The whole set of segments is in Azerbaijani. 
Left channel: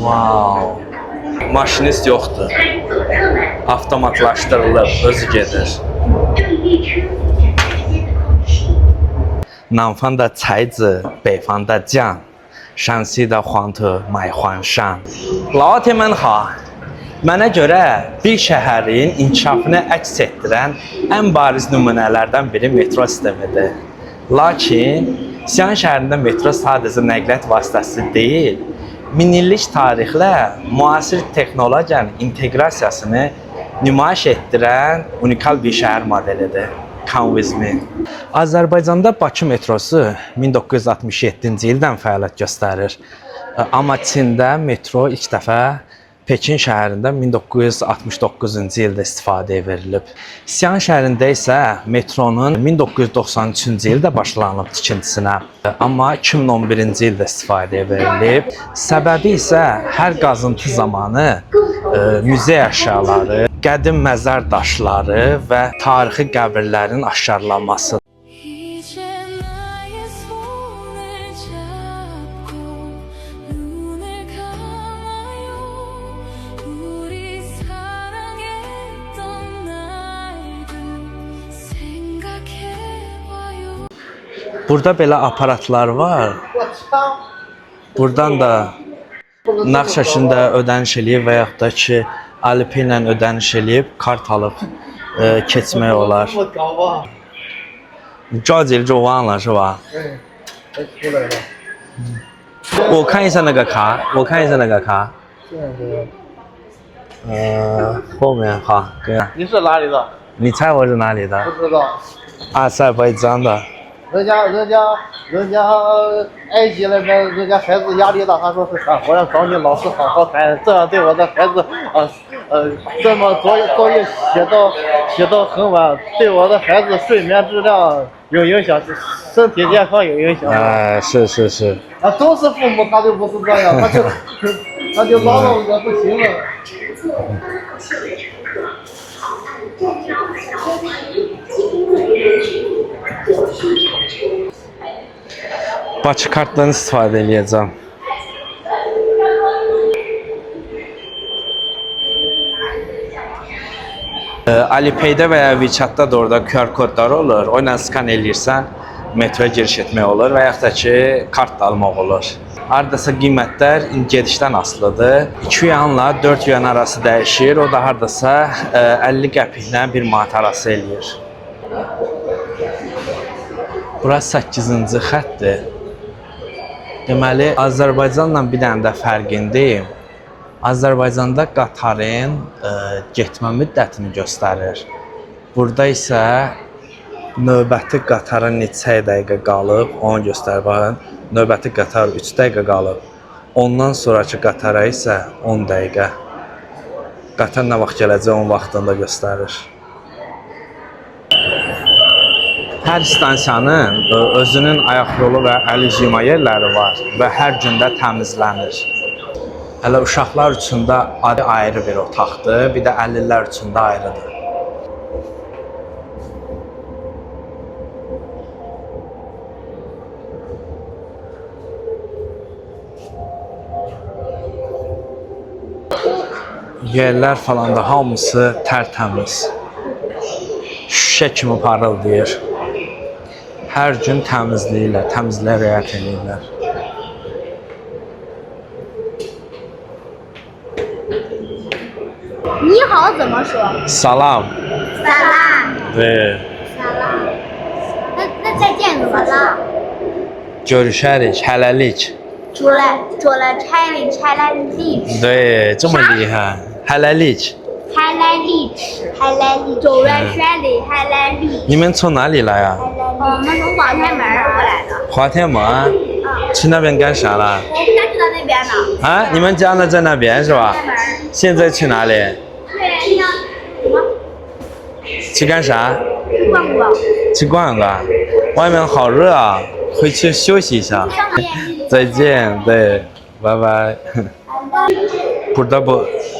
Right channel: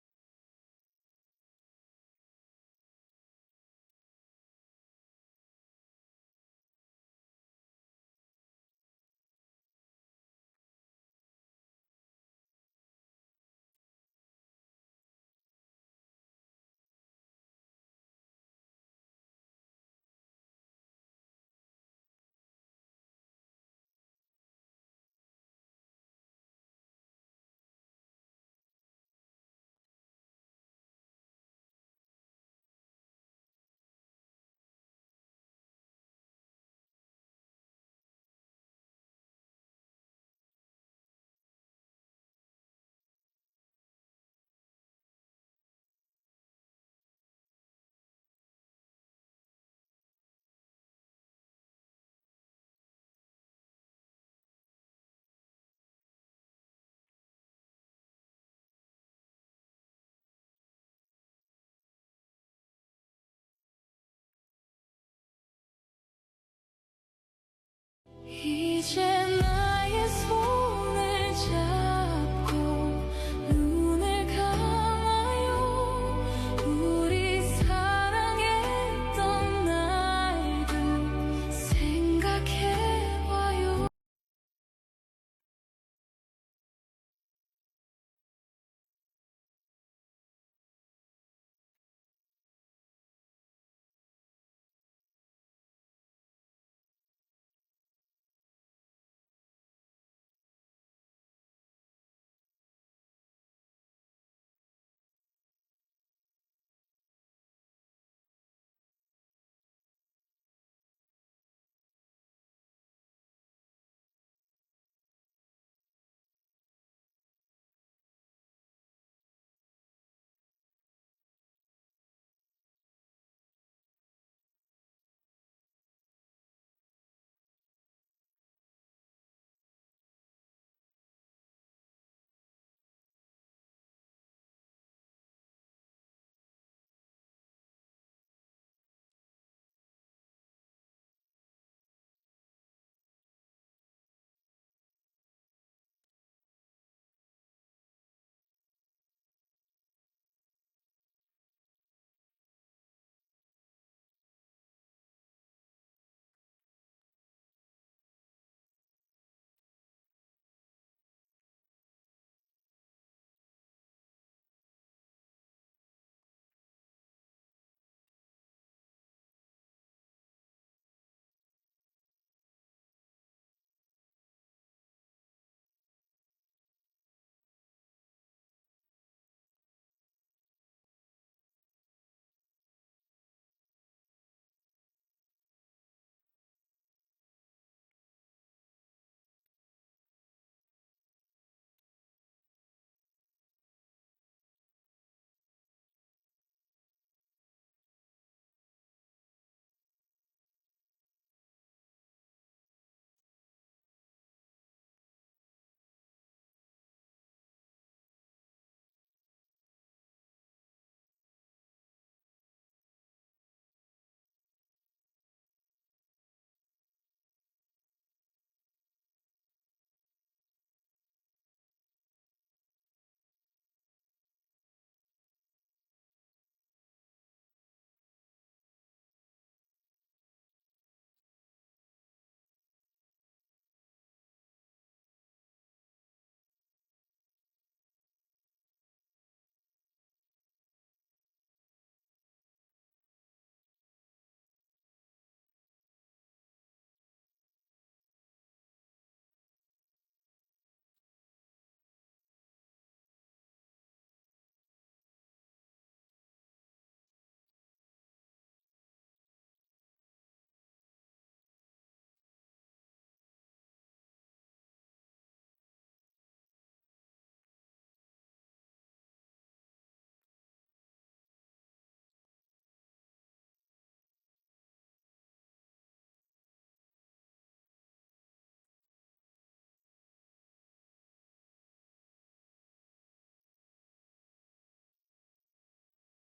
Wow. Maşinist yoxdur. Avtomatlaşdırılıb, özü gedir. 南方的才子，北方的将，山西的黄土买黄山。老铁们好，mənə görə bir şəhərin inkişafını əks etdirən ən bariz nümunələrdən biri metro sistemidir. Lakin Siyan şəhərində metro sadəcə nəqliyyat vasitəsi deyil, minillik tarixlə müasir texnologiyanın inteqrasiyasını nümayiş etdirən unikal bir şəhər modelidir. Come with me. Azərbaycanda Bakı metrosu 1967-ci ildən fəaliyyət göstərir. Amma Çində metro ilk dəfə Pekin şəhərində 1969-cu ildə istifadəyə verilib. Siyan şəhərində isə metronun 1993-cü ildə başlanılıb tikintisinə, amma 2011-ci ildə istifadəyə verilib. Səbəbi isə hər qazıntı zamanı muzey əşyaları, qədim məzar daşları və tarixi qəbirlərin aşkarlanmasıdır. Burada belə aparatlar var. Buradan da nağd şəklində ödəniş eləyib və yaxud da ki, Alipay ilə ödəniş eləyib, kart alıb keçmək olar. 着急就忘了是吧？出来了。我看一下那个卡，我看一下那个卡。后面好，对。你是哪里的？你猜我是哪里的？不知道。阿塞拜疆的。人家埃及那边，人家孩子压力大，他说是啥？我要找你老师好好谈，这样对我的孩子这么作业写到很晚，对我的孩子睡眠质量有影响，身体健康有影响。是。啊，都是父母，他就不是这样，他就闹到我不行了。Bakı kartdan istifadə edəcəm. Alipay'da və ya WeChat'da da orada QR kodlar olur. O ilə skan eləyirsən, metroya giriş etmək olur və yaxud da ki, kart da almaq olur. Hardasa qiymətlər gedişdən asılıdır. 2 yuanla 4 yuan arası dəyişir. O da hardasa 50 qəpiklə 1 manat arası eləyir. Burası 8-ci xəttdir. Deməli, Azərbaycanla bir dənə də fərqindəyim. Azərbaycanda qatarın getmə müddətini göstərir. Burada isə növbəti qatara neçə dəqiqə qalıb, onu göstərir. Baxın, növbəti qatar 3 dəqiqə qalıb. Ondan sonraki qatara isə 10 dəqiqə. Qatar nə vaxt gələcək, onun vaxtını da göstərir. Hər stansiyanın özünün ayaq yolu və əl yuyma yerləri var və hər gün də təmizlənir. Hələ uşaqlar üçün də ayrı bir otaqdır, bir də 50-lər üçün də ayrıdır. Yerlər falan da hamısı tərtəmiz. Şüşə kimi parıldayır. Hər gün təmizləyirlər, təmizliyə riayət edirlər. Ni hao 怎么说 Salam. Salam. 对。Salam. 那再见怎么了 Görüşərik, hələlik. 除了拆了历对，这么厉害。hələlik. 拆了历走了山里拆了历。你们从哪里来啊？我们从广天门过来的。华天门。去那边干啥了？我们家就在那边呢。啊，你们家呢在那边是吧？现在去哪里？对，像什么？去干啥？逛逛。去逛逛。外面好热啊，回去休息一下。再见，对，拜拜。Burada bu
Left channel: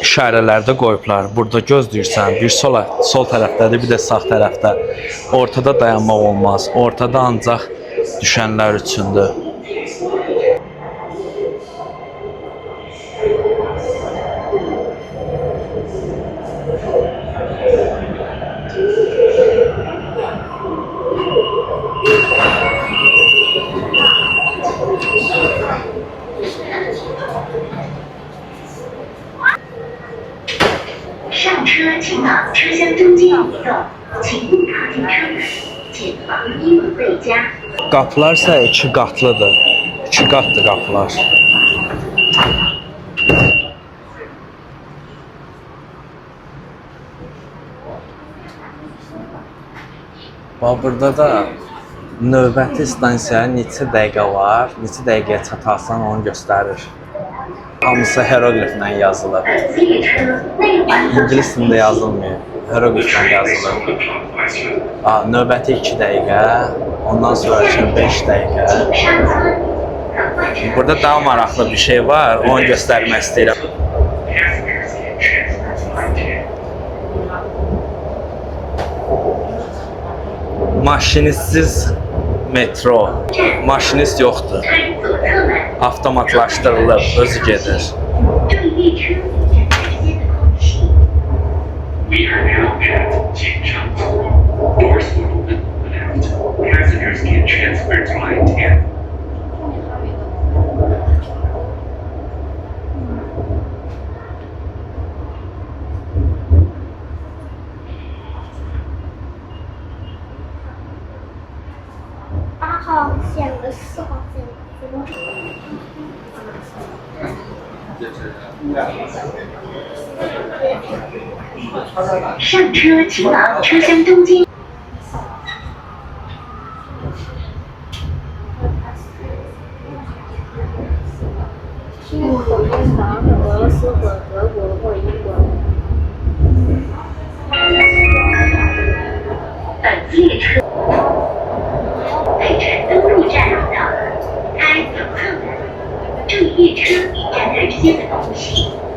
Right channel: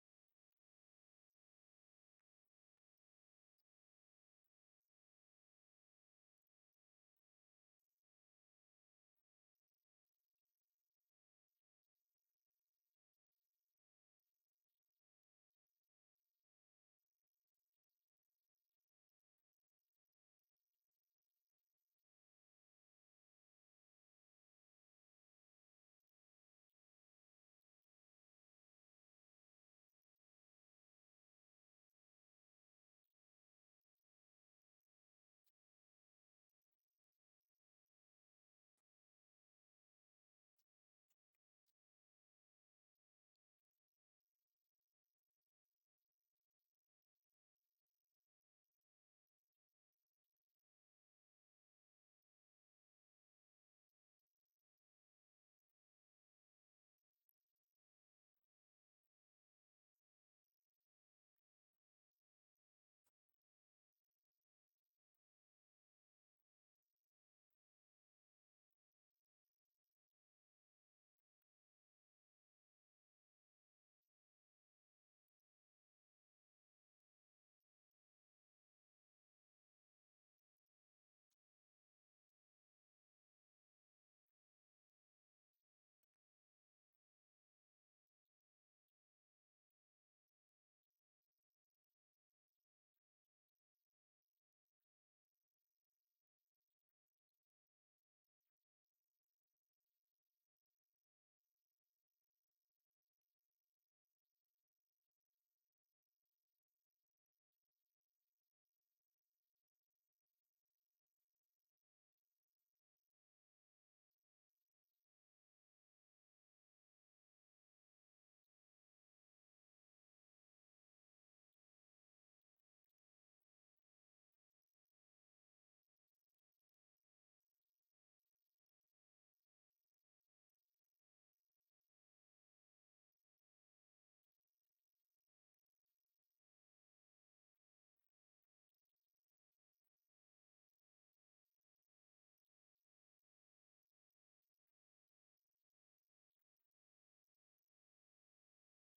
işarələrdə qoyublar. Burada gözləyirsən, bir sol tərəfdədir, bir də sağ tərəfdə. Ortada dayanmaq olmaz. Ortada ancaq düşənlər üçündür. 上车请往车厢中间移动，请勿靠近车门，谨防衣物被夹。 Qapılar isə 2 qatlıdır. 2 qatlı qapılar. Bax burada da növbəti stansiyaya neçə dəqiqə var, neçə dəqiqəyə çatarsan onu göstərir. Hamısı hierogliflə yazılır. 本次列车内环 İngilis dilində yazılmıyor, hierogliflə yazılır. Növbəti 2 dəqiqə, ondan sonraki 5 dəqiqə. 请上车，等换乘 Burada daha maraqlı bir şey var, onu göstərmək istəyirəm. Maşinistsiz metro, maşinist yoxdur. 开左侧门， Avtomatlaşdırılıb, özü gedir. 注意列车与站台之间的空隙。 We are now at 景上座. Doors will open on the left. Passengers can transfer to aisle 10. $8号线和4号线怎么？上车请往车厢中间。 去火箭房是俄罗斯或德国或英国。本次列车北辰东路站到了，开左侧门，注意列车与站台之间的空隙。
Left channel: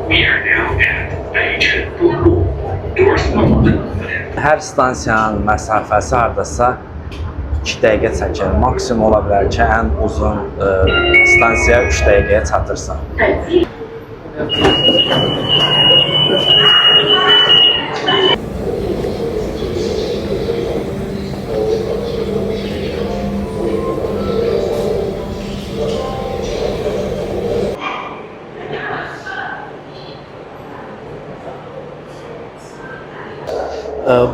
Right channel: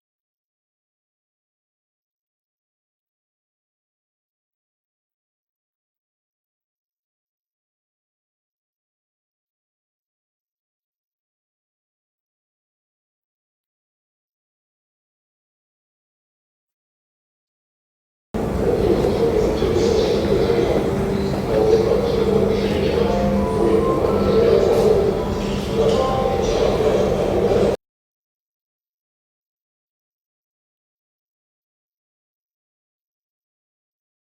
We are now at 北辰东路. Doors will open on the left. Hər stansiyanın məsafəsi hardasa 2 dəqiqə çəkir. Maksimum ola bilər ki, ən uzun stansiyaya 3 dəqiqəyə çatırsan. 本次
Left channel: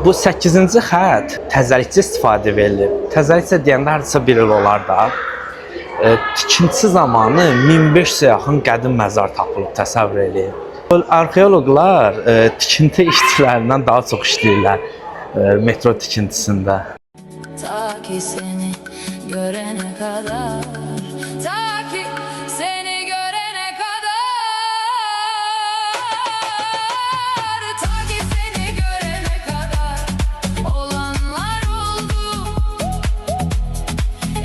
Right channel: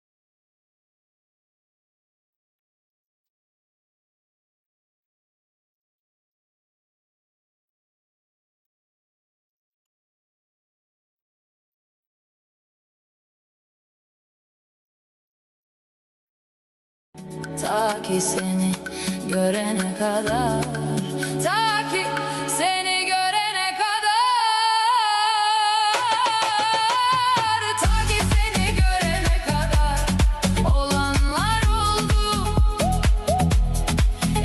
Bu 8-ci xətt təzəlikçi istifadə edilir. Təzəlikçi deyəndə hardasa 1 il olar da. Tikintisi zamanı 1500-ə yaxın qədim məzar tapılıb, təsəvvür edin. Arxeoloqlar tikinti işçilərindən daha çox işləyirlər metro tikintisində. Ta ki seni görene kadar, ta ki seni görene kadar, ta ki seni görene kadar olanlar oldu,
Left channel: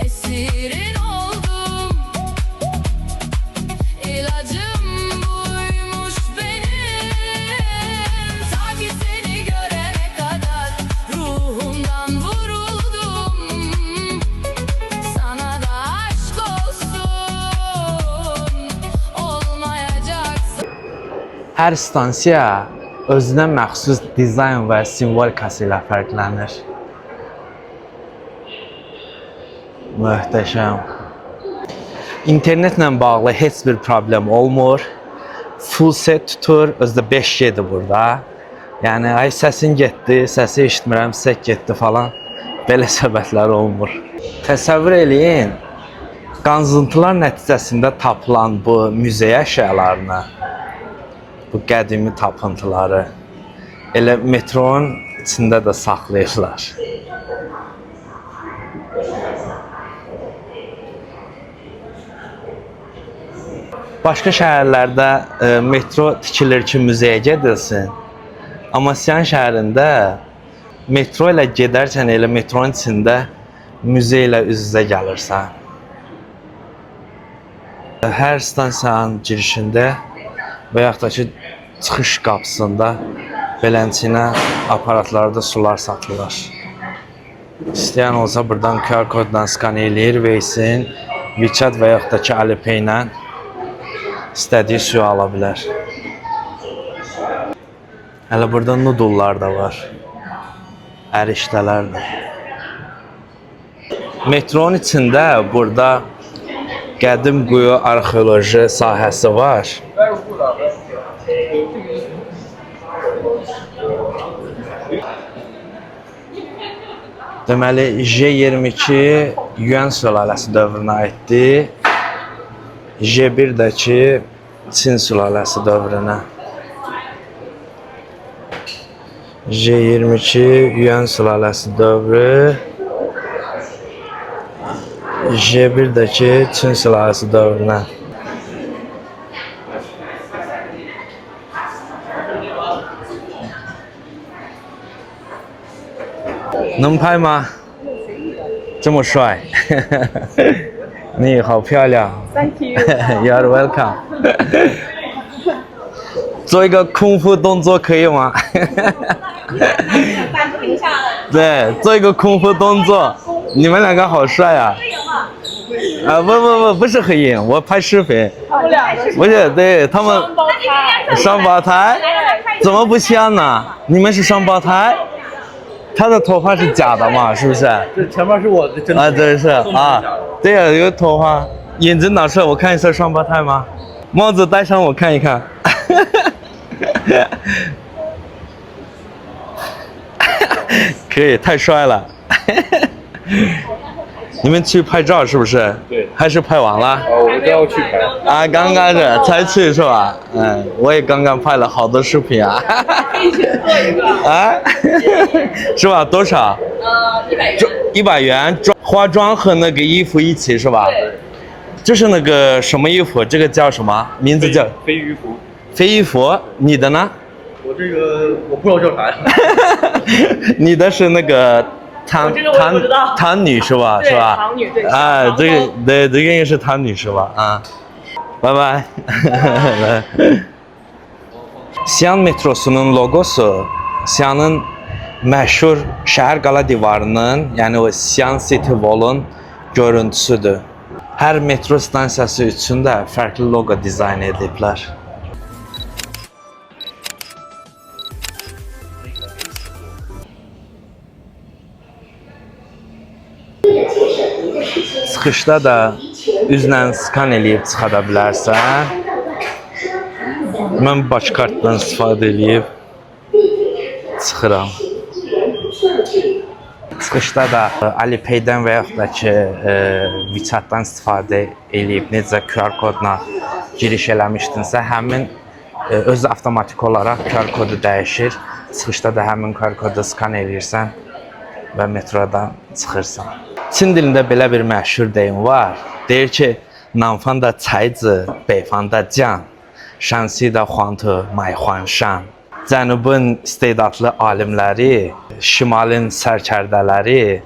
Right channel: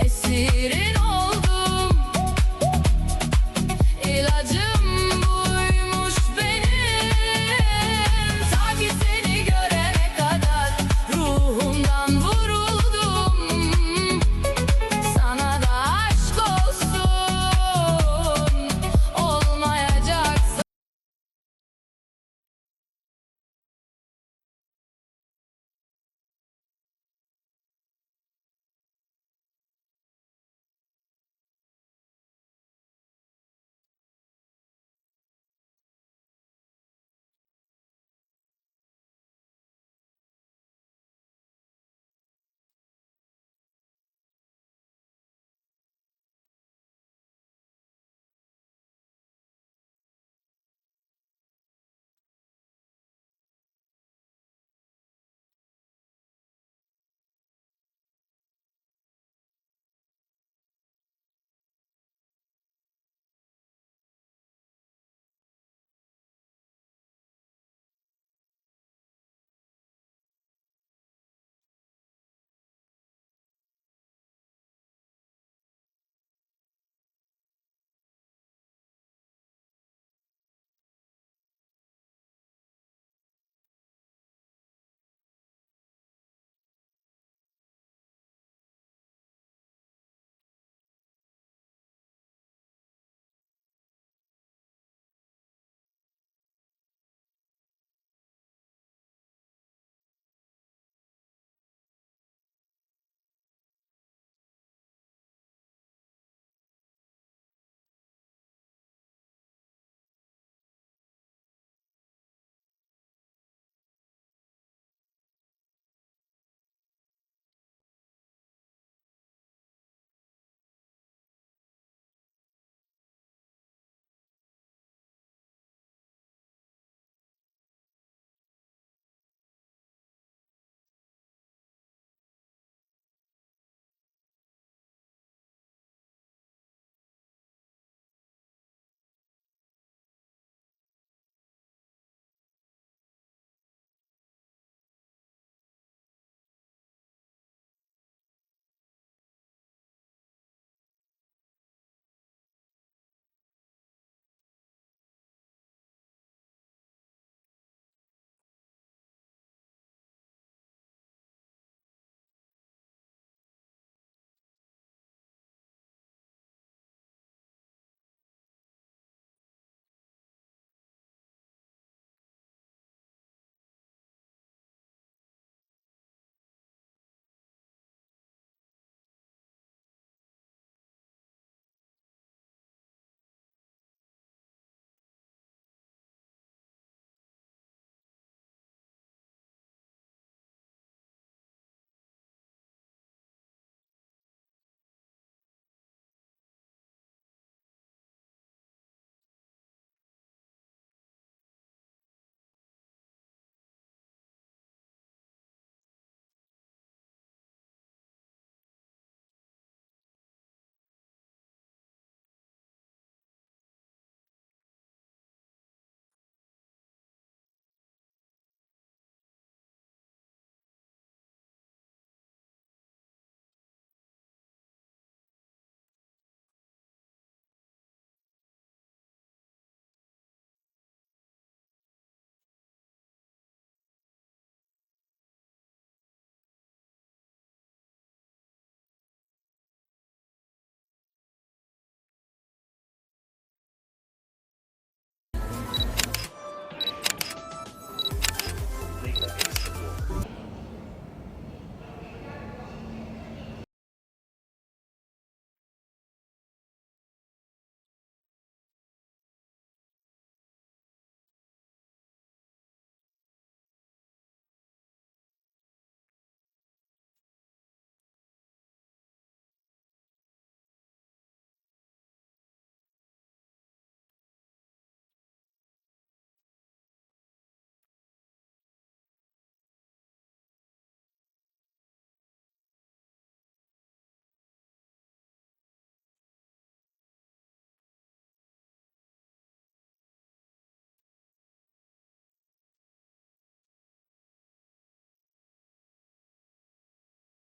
esirin oldum, ilacım buymuş benim, ta ki seni görene kadar ruhumdan vuruldum, sana da aşk olsun, olmayacaksın. Hər stansiya özünə məxsus dizayn və simvolikası ilə fərqlənir. Möhtəşəm. İnternetlə bağlı heç bir problem olmur. Full set tutur, özdə 5G-dir burada. Yəni, ay səsin getdi, səsi eşitmirəm, sək getdi falan. Belə söhbətlər olmur. Təsəvvür eləyin, qanzıntılar nəticəsində tapılan bu müzeyə əşyalarını, bu qədimi tapıntıları elə metronun içində də saxlayırlar. Başqa şəhərlərdə metro tikilir ki, müzeyə gedilsin. Amma Siyan şəhərində metro ilə gedərkən elə metronun içində müze ilə üz-üzə gəlirsən. Hər stansiyanın girişində və yaxud da ki, çıxış qapısında belənçinə aparatlarda sular satılır. İstəyən olsa buradan QR koddan skan eləyir, Waysin, WeChat və yaxud da ki, Alipay ilə istədiyi suyu ala bilər. Hələ burada nudullar da var. Ərişdələr də. Metronun içində burada qədim quyu arxeoloji sahəsi var. Deməli, J22 Yuan sülaləsi dövrünə aiddir. J1-dəki Çin sülaləsi dövrünə. J22 Yuan sülaləsi dövrü. J1-dəki Çin sülaləsi dövrünə.能拍吗？这么帅，你好漂亮。Thank you. You're welcome. 做一个空腹动作可以吗？对，做一个空腹动作。你们两个好帅啊！啊不是合影，我拍视频。不是，对他们双胞胎，怎么不像呢？你们是双胞胎？他的头发是假的嘛？是不是？这前面是我的真的。啊，对是啊，对呀，有头发，眼睛拿出来，我看一下双胞胎吗？帽子戴上，我看一看。可以，太帅了。你们去拍照是不是？对。还是拍完了？我们都要去拍。啊，刚刚才去是吧？嗯，我也刚刚拍了好多视频啊。一起做一个。啊？是吧？多少？100元。化妆和那个衣服一起是吧？对。这是那个什么衣服？这个叫什么？名字叫飞鱼服。飞鱼服，你的呢？我这个我不知道叫啥呀。你的是那个汤女是吧？对，是吧？汤女对。啊，这个对，这个应该是汤女是吧？啊，拜拜。Xi'an metrosunun logosu Xi'anın məşhur şəhər qala divarının, yəni o Xi'an City Wall-un görüntüsüdür. Hər metro stansiyası üçün də fərqli loqo dizayn ediblər. Çıxışda da üzlə skan eləyib çıxa da bilərsən. Mən baş kartdan istifadə eləyib çıxıram. Çıxışda da Alipay-dən və yaxud da ki WeChat-dan istifadə eləyib necə QR kodla giriş eləmişdinsə, həmin özü avtomatik olaraq QR kodu dəyişir. Çıxışda da həmin QR kodu skan eləyirsən və metrodan çıxırsan. Çin dilində belə bir məşhur deyim var. Deyir ki, 南方的才子，北方的将，山西的黄土埋黄山. Cənubun istedadlı alimləri, şimalın sərkərdələri,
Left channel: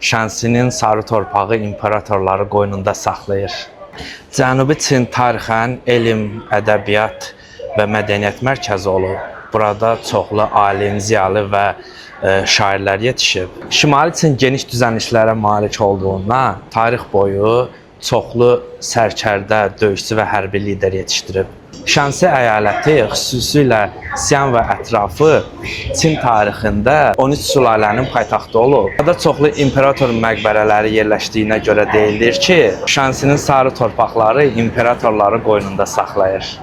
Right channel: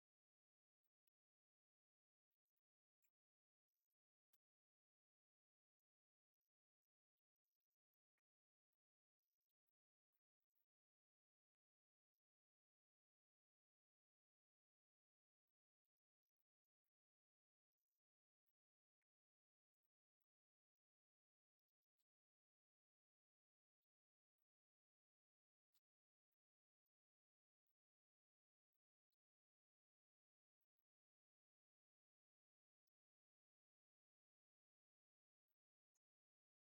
Şansinin sarı torpağı imperatorları qoynunda saxlayır. Cənubi Çin tarixən elm, ədəbiyyat və mədəniyyət mərkəzi olub. Burada çoxlu alim, ziyalı və şairlər yetişib. Şimali Çin geniş düzənliklərə malik olduğundan tarix boyu çoxlu sərkərdə, döyüşçü və hərbi lider yetişdirib. Şansi əyaləti xüsusilə Xi'an və ətrafı Çin tarixində 13 sülalənin paytaxtı olub. Burada çoxlu imperator məqbərələri yerləşdiyinə görə deyilir ki, Şansinin sarı torpaqları imperatorları qoynunda saxlayır.